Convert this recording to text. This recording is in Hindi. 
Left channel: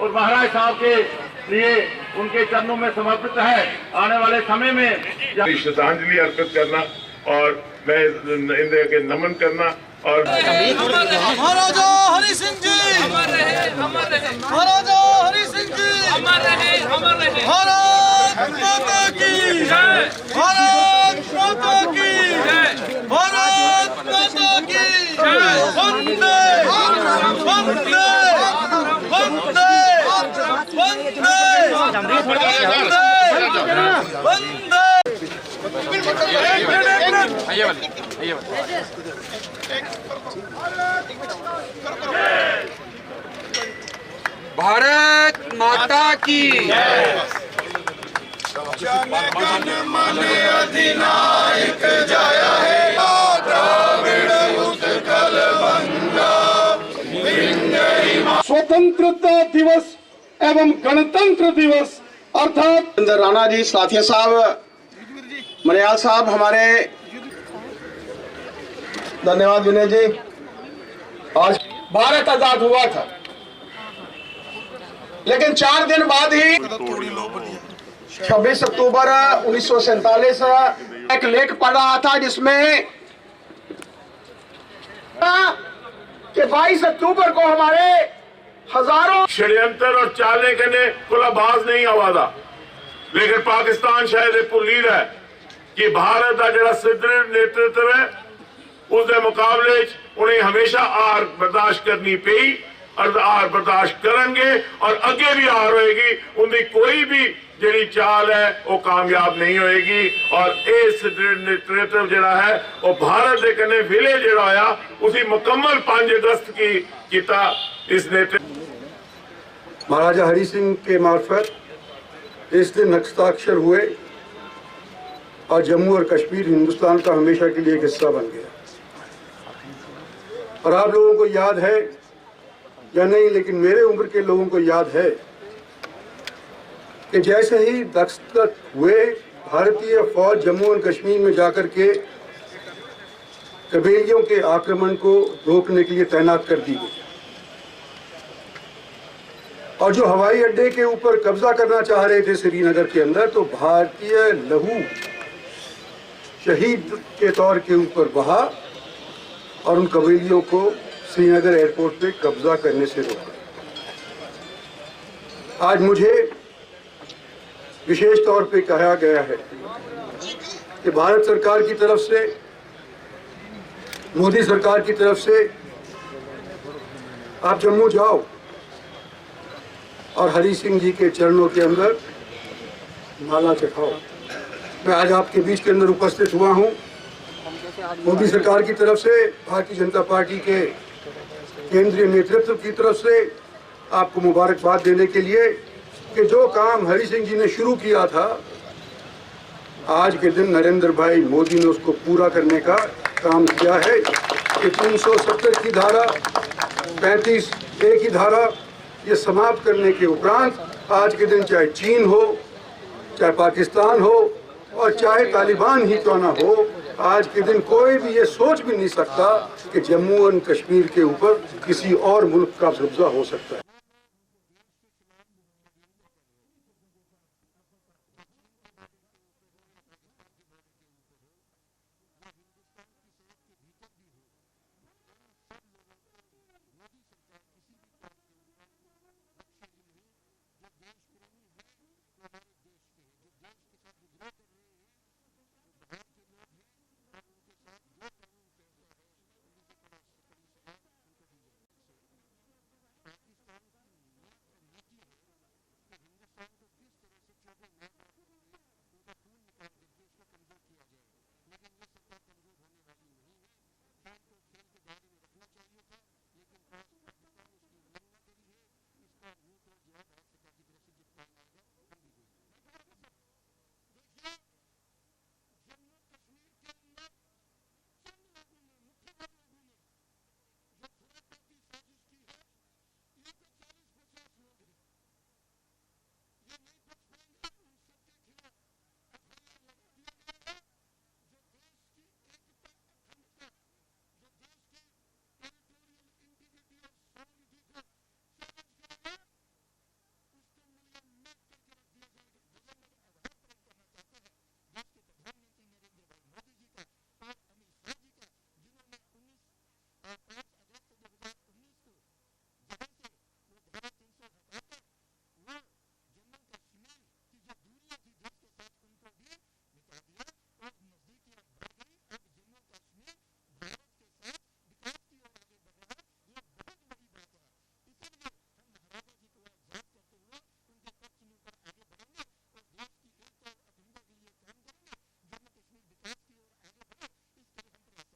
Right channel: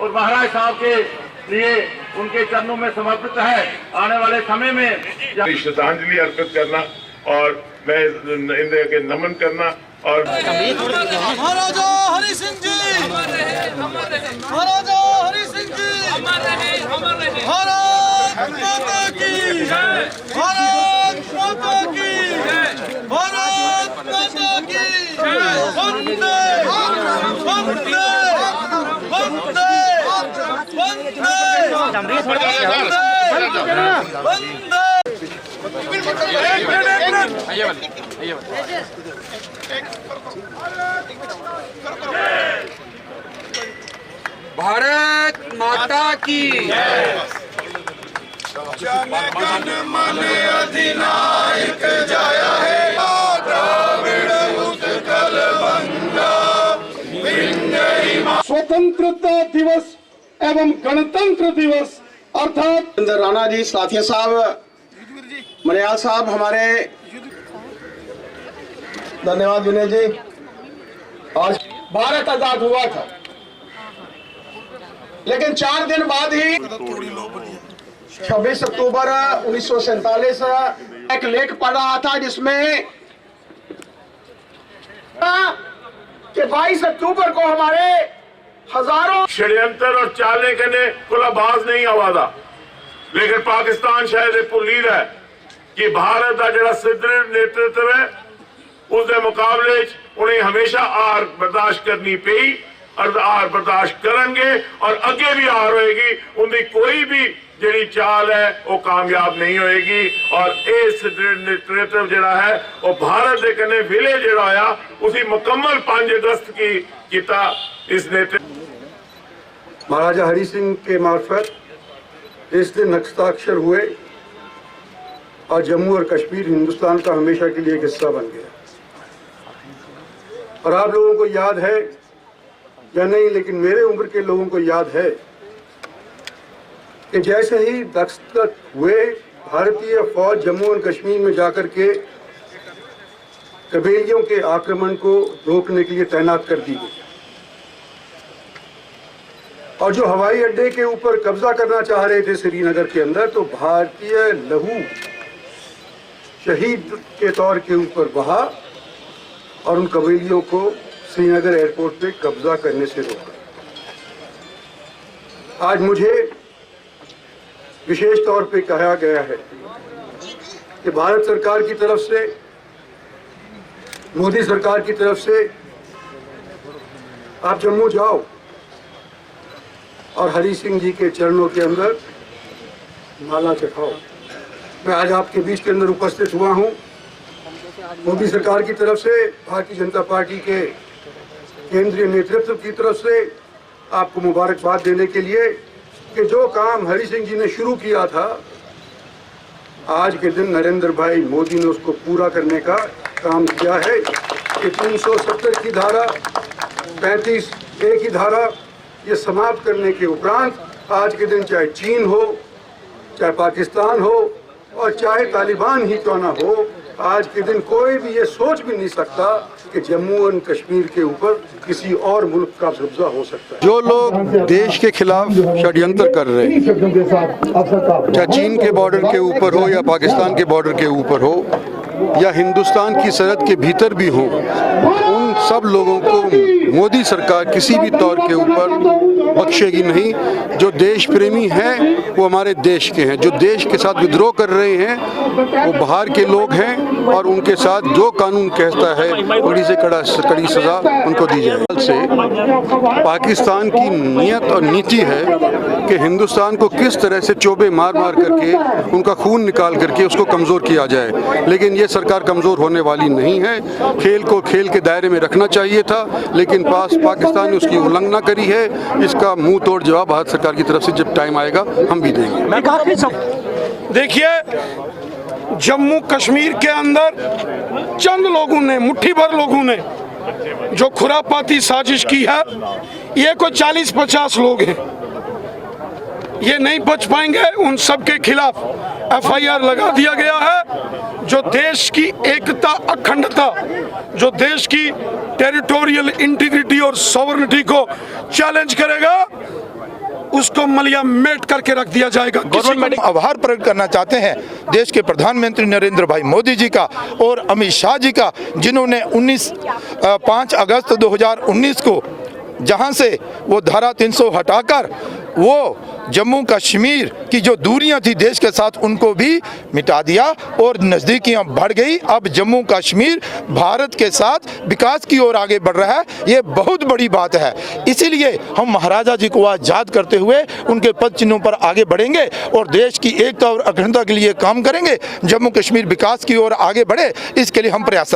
और महाराज साहब के लिए उनके चरणों में समर्पित है। आने वाले समय में श्रद्धांजलि अर्पित करना और मैं इन्हें के नमन करना और महाराजा हरि सिंह जी, महाराजा हरि सिंह जी, भारत माता की, भारत माता की, भारत माता की, वंदे वंदे वंदे वंदे भारत माता की जनगण मन अधिनायक जय हे द्राविड उत्कल बंगा। स्वतंत्रता दिवस एवं गणतंत्र दिवस अर्थात राणा जी, साथिया साहब, मरियाल साहब, हमारे धन्यवाद विनय जी। आज भारत आजाद हुआ था, लेकिन 4 दिन बाद ही 26 अक्टूबर 1947 एक लेख पढ़ रहा था जिसमें कि 22 अक्टूबर को हमारे हजारों षड्यंत्र और चाले कने खुलाबाज नहीं आवादा, लेकिन पाकिस्तान शायद भुल्ली है कि भारत का जो सुदृढ़ नेतृत्व है उसके मुकाबले उन्हें हमेशा आर बर्दाश्त करनी पई और आर बर्दाश्त करेंगे और अगे भी आर होएगी। उनकी कोई भी जी चाल है वो कामयाब नहीं होएगी और ये सुदृढ़ नेतृत्व जरा है वो भारत के कने विलय जरा होया उसी मुकम्मल 5 अगस्त की किता इस नेतृत्व। महाराजा हरि सिंह के मार्फत इस दिन हस्ताक्षर हुए और जम्मू और कश्मीर हिंदुस्तान का हमेशा के लिए एक हिस्सा बन गया। और आप लोगों को याद है या नहीं, लेकिन मेरे उम्र के लोगों को याद है कि जैसे ही दस्तखत हुए भारतीय फौज जम्मू और कश्मीर में जाकर के कबीलियों के आक्रमण को रोकने के लिए तैनात कर दी गई और जो हवाई अड्डे के ऊपर कब्जा करना चाह रहे थे श्रीनगर के अंदर, तो भारतीय लहू शहीद के तौर के ऊपर बहा और उन कबीलियों को श्रीनगर एयरपोर्ट पे कब्जा करने से रोका। आज मुझे विशेष तौर पे कहा गया है कि भारत सरकार की तरफ से, मोदी सरकार की तरफ से आप जम्मू जाओ और हरि सिंह जी के चरणों के अंदर माला चढ़ाओ। मैं आज आपके बीच के अंदर उपस्थित हुआ हूं मोदी सरकार की तरफ से, भारतीय जनता पार्टी के केंद्रीय नेतृत्व की तरफ से आपको मुबारकबाद देने के लिए कि जो काम हरि सिंह जी ने शुरू किया था, आज के दिन नरेंद्र भाई मोदी ने उसको पूरा करने का काम किया है कि 370 की धारा, 35A की धारा ये समाप्त करने के उपरांत आज के दिन चाहे चीन हो, चाहे पाकिस्तान हो और चाहे तालिबान ही क्यों ना हो, आज के दिन कोई भी ये सोच भी नहीं सकता कि जम्मू और कश्मीर के ऊपर किसी और मुल्क का कब्जा हो सकता है। जो लोग देश के खिलाफ षड्यंत्र कर रहे हैं, चाहे चीन के बॉर्डर के ऊपर हो या पाकिस्तान के बॉर्डर के ऊपर हो या हिंदुस्तान की सरहद के भीतर भी हो, उन सब लोगों को मोदी सरकार किसी भी तौर के ऊपर बख्शेगी नहीं। जो देश प्रेमी हैं वो हमारे देश के हैं, जो देश के साथ विद्रोह कर रहे हैं वो बाहर के लोग हैं और उनके साथ जो कानून कहता है कड़ी से कड़ी सजा उनको दी जाए। से पाकिस्तान की नीयत और नीति है कि हिंदुस्तान को किस तरह से चोबे मार मार करके उनका खून निकाल करके उसको कमज़ोर किया जाए, लेकिन ये सरकार कमज़ोर होने वाली नहीं है। खेल को खेल के दायरे में रखना चाहिए था, लेकिन पाकिस्तान ने उसकी उल्लंघना करी है। इसका मुंह तोड़ जवाब भारत सरकार की तरफ से जब टाइम आएगा हम भी देंगे। देखिए, जम्मू कश्मीर के अंदर चंद लोगों ने, मुट्ठी भर लोगों ने जो खुरापाती साजिश की है, ये कोई 40-50 लोग हैं, ये नहीं बच पाएंगे। उन सब के खिलाफ FIR लगा दिया गया है। जो देश की एकता, अखंडता, जो देश की टेरिटोरियल इंटीग्रिटी और सॉवरेनिटी को चैलेंज करेगा, उसको मलिया मेट करके रख दिया जाएगा। गवर्नमेंट आभार प्रकट करना चाहते हैं देश के प्रधानमंत्री नरेंद्र भाई मोदी जी का और अमित शाह जी का, जिन्होंने 5 अगस्त 2019 को जहां से वो धारा 300 हटाकर वो जम्मू कश्मीर की जो दूरियां थी देश के साथ उनको भी मिटा दिया और नज़दीकियां बढ़ गई। अब जम्मू कश्मीर भारत के साथ विकास की ओर आगे बढ़ रहा है, ये बहुत बड़ी बात है। इसीलिए हम महाराजा जी को आज याद करते हुए उनके पद चिन्हों पर आगे बढ़ेंगे और देश की एकता और अखंडता के लिए काम करेंगे। जम्मू कश्मीर विकास की ओर आगे बढ़े, इसके लिए हम प्रयास